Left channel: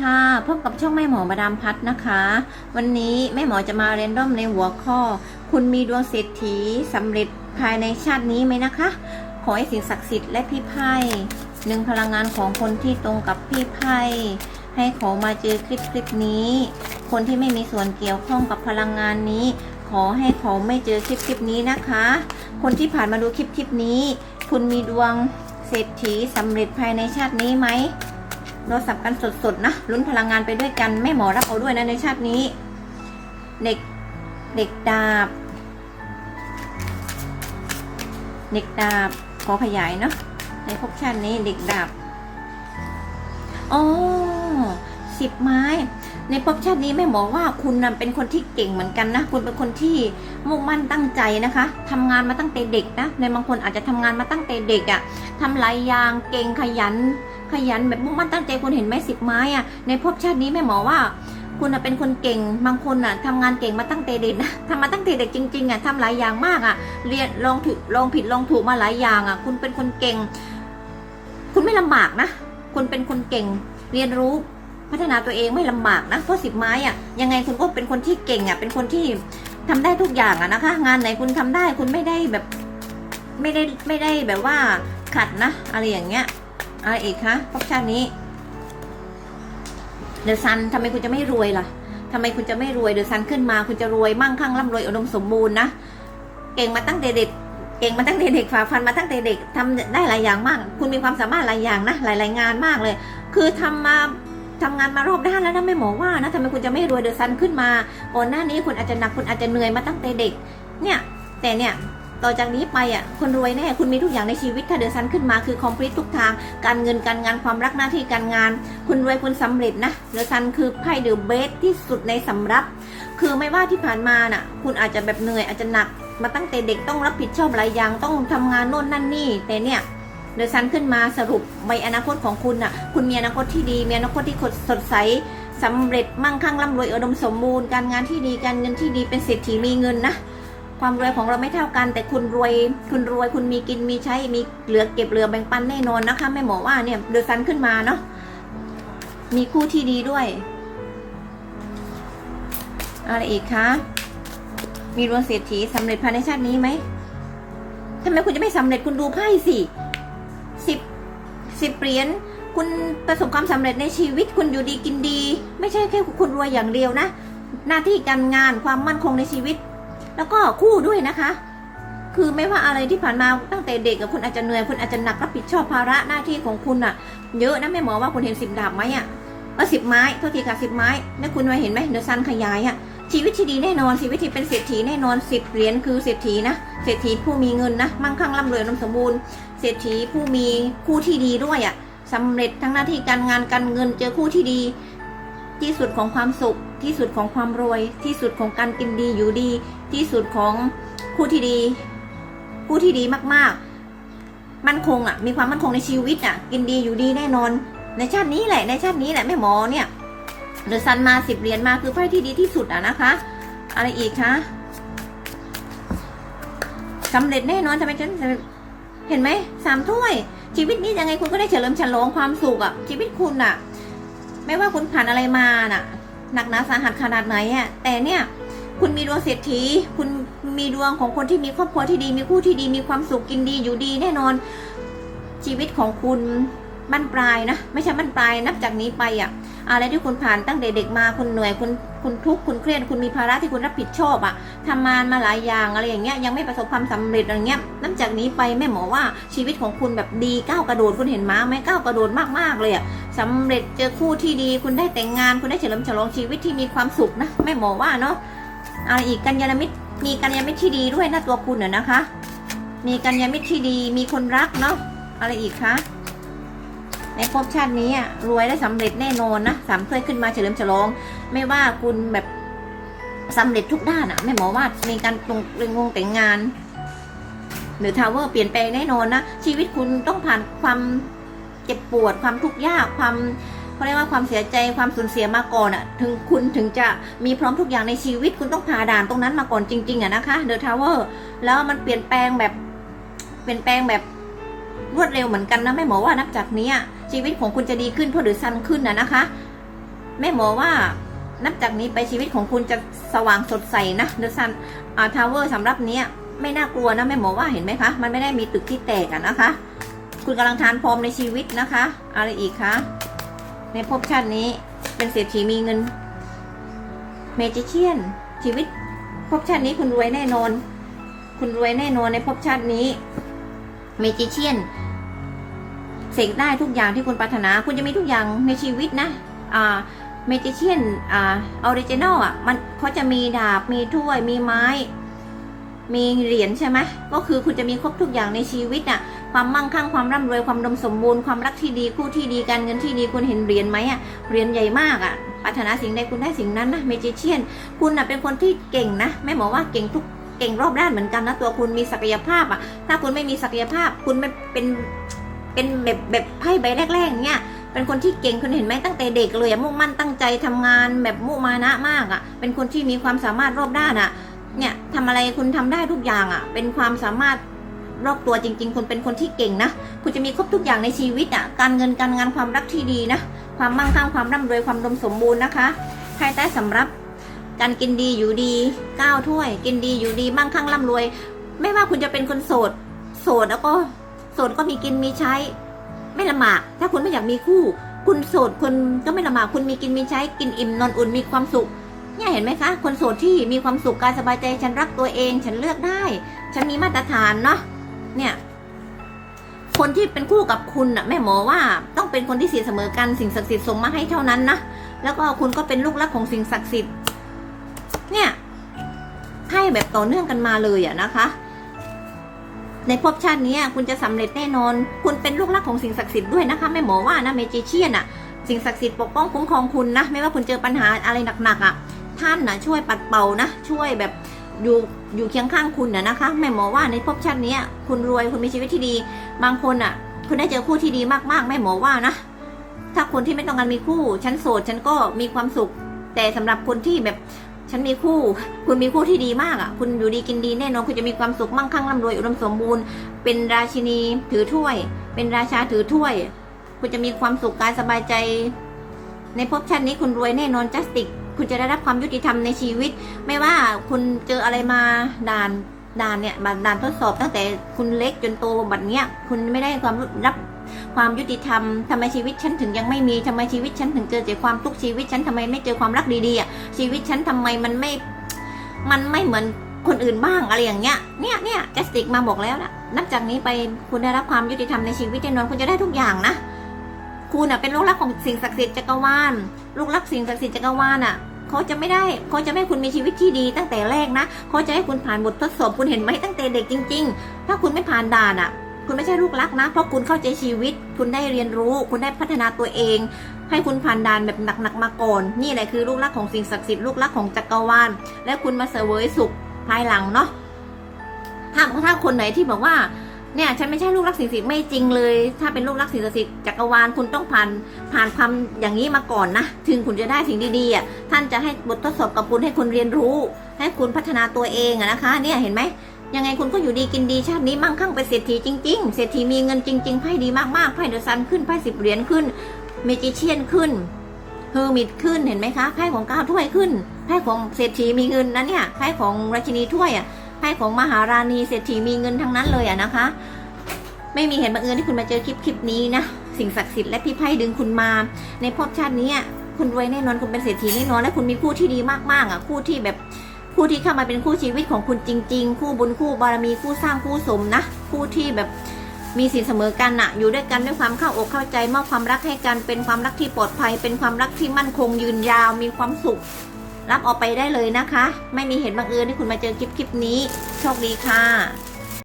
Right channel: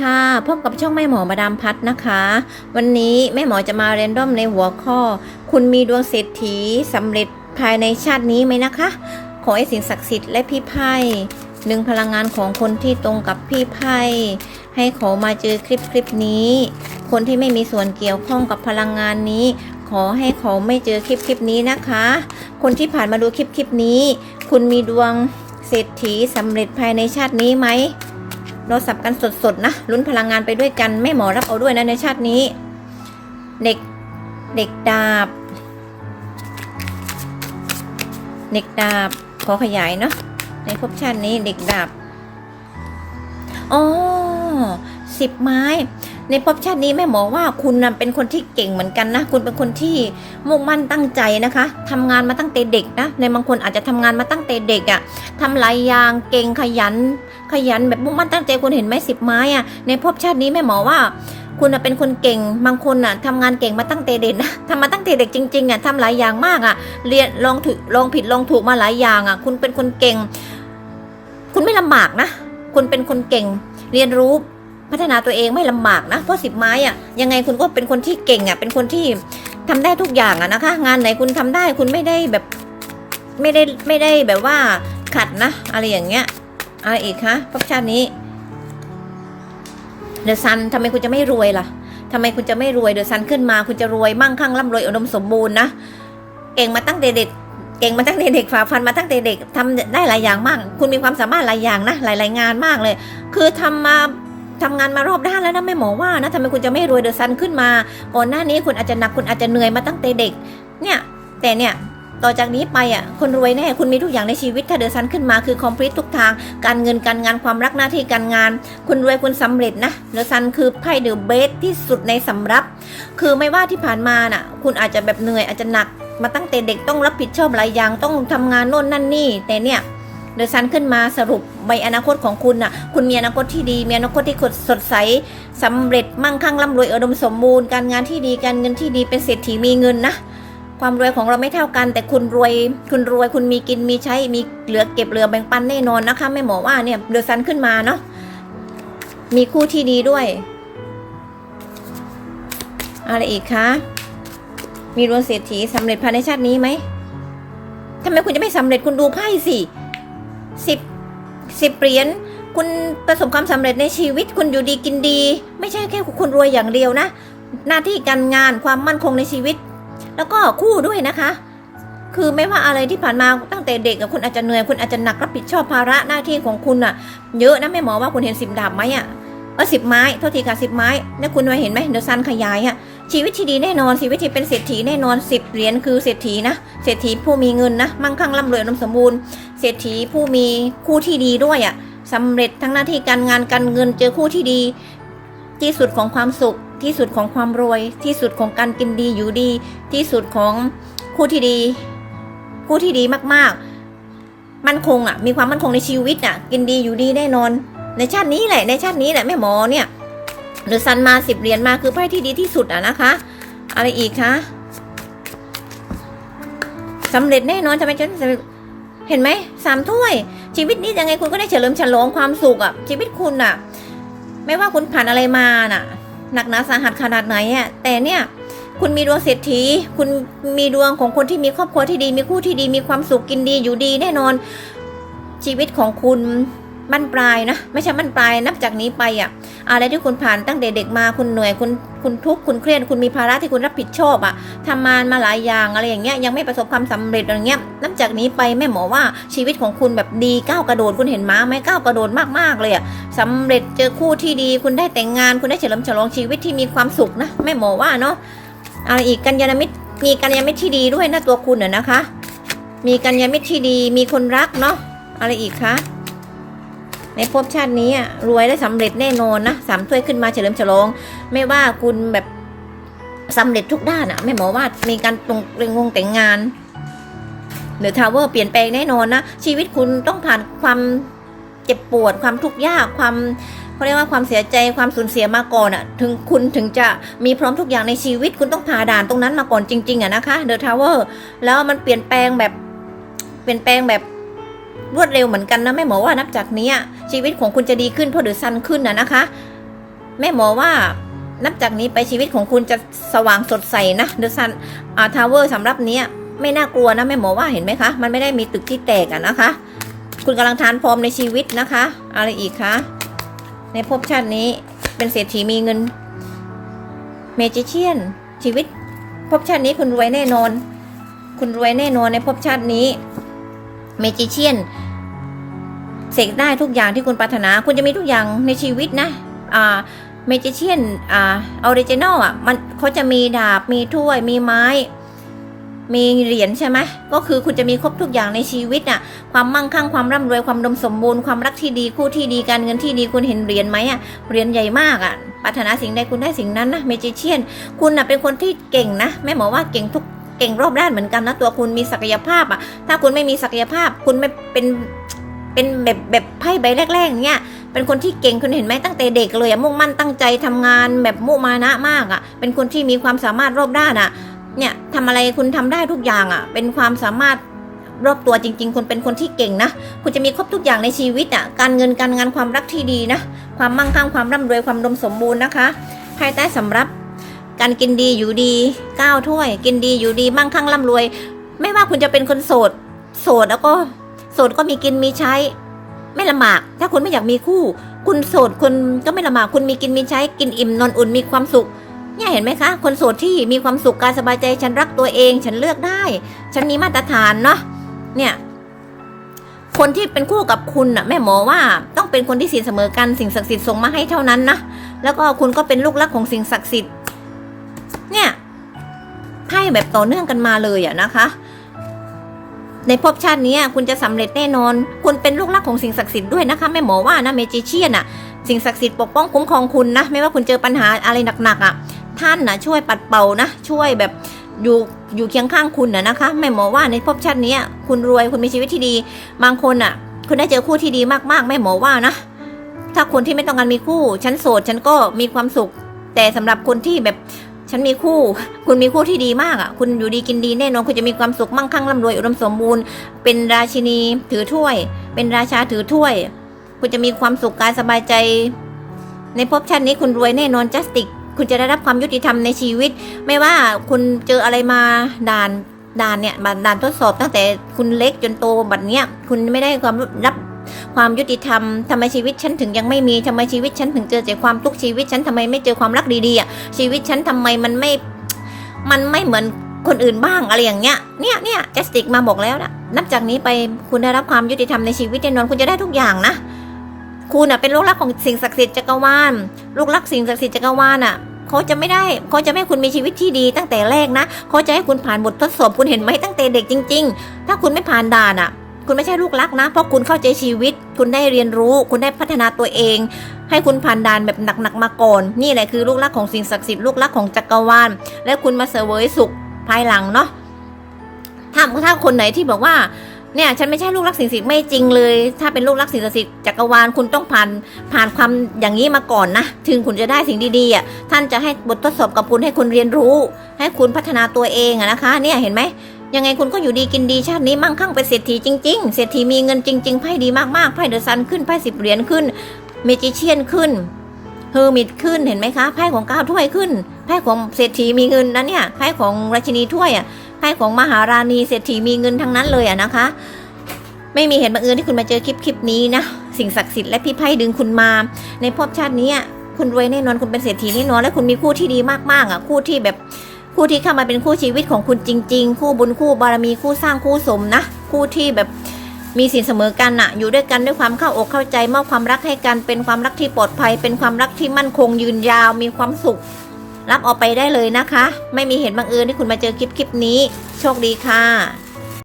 ค่ะ พบกับช่องแม่หมอมาดามพัดนะคะ วันนี้แม่หมอจะมาเรนดอมในหัวข้อ คุณมีดวงเศรษฐีสำเร็จภายในชาตินี้ไหมนะคะ ขอให้สิ่งศักดิ์สิทธิ์และพี่ไพ่หนึ่งพลังงานของคนที่ตรงกับพี่ไพ่ให้เขามาเจอคลิปคลิปนี้ คนที่ไม่มีส่วนเกี่ยวข้องกับพลังงานนี้ ขอให้เขาไม่เจอคลิปคลิปนี้นะคะ คนที่ผ่านมาดูคลิปคลิปนี้ คุณมีดวงเศรษฐีสำเร็จภายในชาตินี้ไหม เราสับกันสดๆนะลุ้นพลังงานไปด้วยกันแม่หมอรับเอาด้วยนะในชาตินี้ เด็กเด็กดาบ เด็กดาบขอขยายเนาะในภพชาตินี้เด็กดาบอ๋อสิบไม้ ในภพชาตินี้แม่หมอว่าคุณนะเป็นคนที่เก่งเหมือนกันนะ คุณเป็นคนที่มุ่งมั่นตั้งใจนะคะทำงานมาตั้งแต่เด็กนะ ในบางคนอาจจะทำงานมาตั้งแต่เด็กอะ่ะทำหลายอย่างเก่งขยัน ขยันแบบมุ่งมั่นตั้งใจคุณเห็นไหมสิบไม้อะ่ะในภพชาตินี้แม่หมอว่าคุณเป็นคนเก่ง บางคนอะทำงานเก่งมาตั้งแต่เด็กนะทำมาตั้งแต่เด็กจริงๆอะทำหลายอย่างมากอะ เรียนลองถูกลองผิดลองถูกมาหลายอย่างอะ คุณเป็นคนเก่ง คุณไม่ลำบากนะ คุณเป็นคนเก่ง เรียนรู้ พัฒนาตัวเองไม่ลำบากนะเพราะสิบไม้อะยังไงคุณก็เป็นคนที่เก่งอะเป็นคนที่ทำได้ทุกอย่างอะนะคะ งานไหนคุณทำได้คุณไม่ได้แบบไม่ได้ไม่ได้แบบว่าขัดนะ อะไรอย่างเงี้ยอะไรอีกคะภพชาตินี้เดอะซันทำไมคุณจะไม่รวยล่ะทำไมคุณจะไม่รวยเดอะซันขึ้นมา คุณจะรวยมั่งคั่งร่ำรวยอุดมสมบูรณ์นะเก่งมาตั้งแต่เด็กเก่งมาตั้งแต่เด็กฝ่าฟันมาตั้งแต่เด็กทำได้หลายอย่างมาก คุณมีความสามารถหลายอย่างนะหลายๆงานมากเลย คือทำมา ทำงานมารอบด้านแล้วนะไม่หมอว่านะทำไมคุณจะไม่รวยเดอะซันขึ้นมาก่อนหน้านี้คุณอาจจะหนักคุณอาจจะเหนื่อยมาตั้งแต่เด็ก เนี่ย แต่เนี่ยต่อจากนี้ไปอะคุณรวยแน่คุณมีทุกอย่างในชีวิตถ้าเดือะซันขึ้นมาคือคอมพลีททุกทาง การเงินการงานความรักหน้าที่การงาน คุณรวยคุณสำเร็จนะเดือะซันคือไพ่เดอะเบสที่สุดในสำรับ คือไม่ว่าที่ผ่านมาน่ะ คุณอาจจะแบบเหนื่อยอาจจะหนัก มาตั้งแต่เด็กต้องรับผิดชอบหลายอย่างต้องทำงานโน่นนั่นนี่แต่เนี่ย เดอะซันขึ้นมาสรุปใบอนาคตของคุณน่ะ คุณมีอนาคตที่ดี มีอนาคตที่สดใสสำเร็จมั่งคั่งร่ำรวยอุดมสมบูรณ์การงานที่ดีการเงินที่ดีเป็นเศรษฐีมีเงินนะความรวยของเราไม่เท่ากัน แต่คุณรวยคุณรวยคุณมีกินมีใช้มีเหลือเก็บเหลือแบ่งปันแน่นอนนะคะแม่หมอว่าเนี่ยเดอะซันขึ้นมาเนาะมีคู่ที่ดีด้วย อะไรอีกคะมีดวงเศรษฐีสำเร็จภายในชาตินี้ไหมทำไมคุณจะไม่สำเร็จคุณดูไพ่สิ สิบสิบเหรียญคุณประสบความสำเร็จในชีวิตคุณอยู่ดีกินดี ไม่ใช่แค่คุณรวยอย่างเดียวนะ หน้าที่การงานความมั่นคงในชีวิต แล้วก็คู่ด้วยนะคะ คือไม่ว่าอะไรที่ผ่านมาตั้งแต่เด็กคุณอาจจะเหนื่อยคุณอาจจะหนักรับผิดชอบภาระหน้าที่ของคุณอะเยอะนะแม่หมอว่าคุณเห็นสิบดาบไหมอะ ออสิบไม้โทษทีค่ะสิบไม้เนี่ยคุณมาเห็นไหมเดอะซันขยายอะชีวิตที่ดีแน่นอนชีวิตที่เป็นเศรษฐีแน่นอนสิบเหรียญคือเศรษฐีนะเศรษฐีผู้มีเงินนะมั่งคั่งร่ำรวยอุดมสมบูรณ์เศรษฐีผู้มีคู่ที่ดีด้วยอะสำเร็จทั้งหน้าที่การงานการเงินเจอคู่ที่ดี ที่สุดของความสุข ที่สุดของความรวย ที่สุดของการกินดีอยู่ดี ที่สุดของคู่ที่ดี คู่ที่ดีมากๆ มั่นคงอะมีความมั่นคงในชีวิตอะ กินดีอยู่ดีแน่นอน ในชาตินี้แหละ ในชาตินี้แหละแม่หมอเนี่ยเดอะซันมาสิบเหรียญมาคือไพ่ที่ดีที่สุดอะนะคะ อะไรอีกคะสำเร็จแน่นอนจะไปจนเห็นไหมสามถ้วย ชีวิตนี้ยังไงคุณก็ได้เฉลิมฉลองความสุขอะชีวิตคุณอะไม่ว่าคุณผ่านอะไรมาน่ะ หนักหนาสาหัสขนาดไหนอะแต่เนี่ยคุณมีดวงเศรษฐี คุณมีดวงของคนที่มีครอบครัวที่ดี มีคู่ที่ดี มีความสุขกินดีอยู่ดีแน่นอน ชีวิตของคุณ บั้นปลายนะ ไม่ใช่บั้นปลายนับจากนี้ไปอะอะไรที่คุณผ่านตั้งแต่เด็กมาคุณเหนื่อยคุณคุณทุกข์คุณเครียดคุณมีภาระที่คุณรับผิดชอบอะทำงานมาหลายอย่างอะไรอย่างเงี้ยยังไม่ประสบความสำเร็จอะไรเงี้ยนับจากนี้ไปแม่หมอว่าชีวิตของคุณแบบดีก้าวกระโดดคุณเห็นม้าไหมก้าวกระโดดมากๆเลยอะสำเร็จเจอคู่ที่ดี คุณได้แต่งงาน คุณได้เฉลิมฉลองชีวิตที่มีความสุขนะแม่หมอว่าเนาะอะไรอีกกัญญาณมิตรมีกัญญาณมิตรที่ดีด้วยนะตัวคุณเน่ะนะคะ มีกัญญาณมิตรที่ดีมีคนรักเนาะอะไรอีกคะ ในภพชาตินี้อะรวยและสำเร็จแน่นอนนะสามถ้วยขึ้นมาเฉลิมฉลอง ไม่ว่าคุณแบบสำเร็จทุกด้านอะไม่หมอว่ามีการตรงเรื่องวงแต่งงานหรือทาวเวอร์เปลี่ยนแปลงแน่นอนนะ ชีวิตคุณต้องผ่านความเจ็บปวด ความทุกข์ยากความเขาเรียกว่าความเสียใจความสูญเสียมาก่อนอะถึงคุณถึงจะมีพร้อมทุกอย่างในชีวิตคุณต้องผ่าด่านตรงนั้นมาก่อนจริงๆอะนะคะเดอะทาวเวอร์แล้วมันเปลี่ยนแปลงแบบเปลี่ยนแปลงแบบ รวดเร็วเหมือนกันนะไม่หมอว่านับจากนี้ชีวิตของคุณจะดีขึ้นเพราะเดอซันขึ้นอะนะคะ แม่หมอว่านับจากนี้ไปชีวิตของคุณจะสว่างสดใสนะเดอะซันอาทาวเวอร์สำหรับเนี้ยไม่น่ากลัวนะแม่หมอว่าเห็นไหมคะ มันไม่ได้มีตึกที่แตกอะนะคะ คุณกำลังทานพร้อมในชีวิตนะคะ อะไรอีกคะในภพชาตินี้เป็นเศรษฐีมีเงินเมจิเชียน ชีวิตภพชาตินี้คุณรวยแน่นอน คุณรวยแน่นอนในภพชาตินี้ เมจิเชียนเสกได้ทุกอย่างที่คุณปรารถนา คุณจะมีทุกอย่างในชีวิตนะอ่าเมจิเชียนอ่าออริจินอลอะมันเขาจะมีดาบมีถ้วยมีไม้ มีเหรียญใช่ไหมก็คือคุณจะมีครบทุกอย่างในชีวิตอะความมั่งคั่งความร่ำรวยความดมสมบูรณ์ความรักที่ดีคู่ที่ดีการเงินที่ดีคุณเห็นเหรียญไหมอะเหรียญใหญ่มากอะปรารถนาสิ่งใดคุณได้สิ่งนั้นนะเมจิเชียนคุณอะเป็นคนที่เก่งนะแม่หมอว่าเก่งทุก เก่งรอบด้านเหมือนกันนะตัวคุณมีศักยภาพอะ ถ้าคุณไม่มีศักยภาพ คุณไม่เป็นเป็นแบบแบบไพ่ใบแรกๆเนี่ยเป็นคนที่เก่งคุณเห็นไหมตั้งแต่เด็กเลยมุ่งมั่นตั้งใจทำงานแบบมุมานะมากอะเป็นคนที่มีความสามารถรอบด้านอะเนี่ยทำอะไรคุณทำได้ทุกอย่างอะเป็นความสามารถรอบตัวจริง ๆ คุณเป็นคนที่เก่งนะ คุณจะมีครบทุกอย่างในชีวิตอะ การเงินการงานความรักที่ดีนะ ความมั่งคั่งความร่ำรวยความดมสมบูรณ์นะคะภายใต้สำรับ การกินดีอยู่ดีก้าวถ้วย กินดีอยู่ดีมั่งคั่งร่ำรวย ไม่ว่าคุณจะเป็นคนโสด โสดแล้วก็โสดก็มีกินมีใช้ ไม่ลำบาก ถ้าคุณไม่อยากมีคู่ คุณโสดคุณก็ไม่ลำบากคุณมีกินมีใช้ กินอิ่มนอนอุ่นมีความสุขเนี่ยเห็นไหมคะ คนโสดที่มีความสุขกายสบายใจฉันรักตัวเอง ฉันเลือกได้ ฉันมีมาตรฐานเนาะเนี่ยคนที่เป็นคู่กับคุณน่ะแม่หมอว่าต้องเป็นคนที่ศีลเสมอกันสิ่งศักดิ์สิทธิ์ส่งมาให้เท่านั้นนะแล้วก็คุณก็เป็นลูกรักของสิ่งศักดิ์สิทธิ์ ไพ่แบบต่อเนื่องกันมาเลยอะนะคะ ในภพชาตินี้คุณจะสำเร็จแน่นอน คุณเป็นลูกรักของสิ่งศักดิ์สิทธิ์ด้วยนะคะแม่หมอว่านะเมจิเชียนอะสิ่งศักดิ์สิทธิ์ปกป้องคุ้มครองคุณนะ ไม่ว่าคุณเจอปัญหาอะไรหนักๆอะท่านนะช่วยปัดเป่านะ ช่วยแบบอยู่อยู่เคียงข้างคุณนะนะคะแม่หมอว่าในภพชาตินี้คุณรวยคุณมีชีวิตที่ดี บางคนอะคุณได้เจอคู่ที่ดีมากๆแม่หมอว่านะถ้าคนที่ไม่ต้องการมีคู่ ฉันโสดฉันก็มีความสุข แต่สำหรับคนที่แบบ ฉันมีคู่ คุณมีคู่ที่ดีมากอะ คุณอยู่ดีกินดีแน่นอนคุณจะมีความสุขมั่งคั่งร่ำรวยอุดมสมบูรณ์ เป็นราชินีถือถ้วย เป็นราชาถือถ้วย คุณจะมีความสุขกายสบายใจ ในภพชาตินี้คุณรวยแน่นอนจัสติก คุณจะได้รับความยุติธรรมในชีวิต ไม่ว่าคุณเจออะไรมาด่านด่านเนี่ยด่านทดสอบตั้งแต่คุณเล็กจนโตบัดเนี้ย คุณไม่ได้ความรับ ความยุติธรรมทำไมชีวิตฉันถึงยังไม่มีทำไมชีวิตฉันถึงเจอแต่ความทุกข์ชีวิตฉันทำไมไม่เจอความรักดีๆอะชีวิตฉันทำไมมันไม่มันไม่เหมือนคนอื่นบ้างอะไรอย่างเงี้ย เนี่ยเนี่ยจัสติกมาบอกแล้วนะนับจากนี้ไปคุณได้รับความยุติธรรมในชีวิตแน่นอนคุณจะได้ทุกอย่างนะ คุณอะเป็นลูกรักของสิ่งศักดิ์สิทธิ์จักรวาล ลูกรักสิ่งศักดิ์สิทธิ์จักรวาลอะเขาจะไม่ได้เขาจะไม่ให้คุณมีชีวิตที่ดีตั้งแต่แรกนะเขาจะให้คุณผ่านบททดสอบคุณเห็นไหมตั้งแต่เด็กจริง ๆ ถ้าคุณไม่ผ่านด่านอะ คุณไม่ใช่ลูกรักนะ เพราะคุณเข้าใจชีวิต คุณได้เรียนรู้ คุณได้พัฒนาตัวเอง ให้คุณผ่านด่านแบบหนักๆมาก่อน นี่แหละคือลูกรักของสิ่งศักดิ์สิทธิ์ลูกรักของจักรวาล และคุณมาเสวยสุขภายหลังเนาะ ถ้าถ้าคนไหนที่บอกว่าเนี่ยฉันไม่ใช่ลูกรักสิ่งศักดิ์สิทธิ์ไม่จริงเลย ถ้าเป็นลูกรักสิ่งศักดิ์สิทธิ์จักรวาลคุณต้องผ่านผ่านความอย่างนี้มาก่อนนะ ถึงคุณจะได้สิ่งดีๆอะท่านจะให้บททดสอบกับคุณให้คุณเรียนรู้ ให้คุณพัฒนาตัวเองอะนะคะ เนี่ยเห็นไหม ยังไงคุณก็อยู่ดีกินดีชาตินี้มั่งคั่งเป็นเศรษฐีจริง ๆ เศรษฐีมีเงินจริง ๆไพ่ดีมากๆไพ่เดอะซันขึ้นไพ่สิบเหรียญขึ้น เมจิเชียนขึ้นเฮอร์มิตขึ้นเห็นไหมคะไพ่ของเก้าถ้วยขึ้นไพ่ของเศรษฐีมีเงินนะเนี่ยไพ่ของราชินีถ้วยอะไพ่ของมหาราณีเศรษฐีมีเงินทั้งนั้นเลยอะนะคะ ไม่มีเหตุบังเอิญที่คุณมาเจอคลิปคลิปนี้นะสิ่งศักดิ์สิทธิ์และพี่ไพ่ดึงคุณมา ในภพชาตินี้อะคุณรวยแน่นอนคุณเป็นเศรษฐีแน่นอนและคุณมีคู่ที่ดีมากๆอะคู่ที่แบบ คู่ที่เข้ามาเป็นคู่ชีวิตของคุณจริง ๆ คู่บุญคู่บารมีคู่สร้างคู่สมนะ คู่ที่แบบมีสินเสมอกันอะอยู่ด้วยกันด้วยความเข้าอกเข้าใจมอบความรักให้กันเป็นความรักที่ปลอดภัย เป็นความรักที่มั่นคงยืนยาวมีความสุข รับออกไปได้เลยนะคะ ไม่มีเหตุบังเอิญที่คุณมาเจอคลิปคลิปนี้ โชคดีค่ะ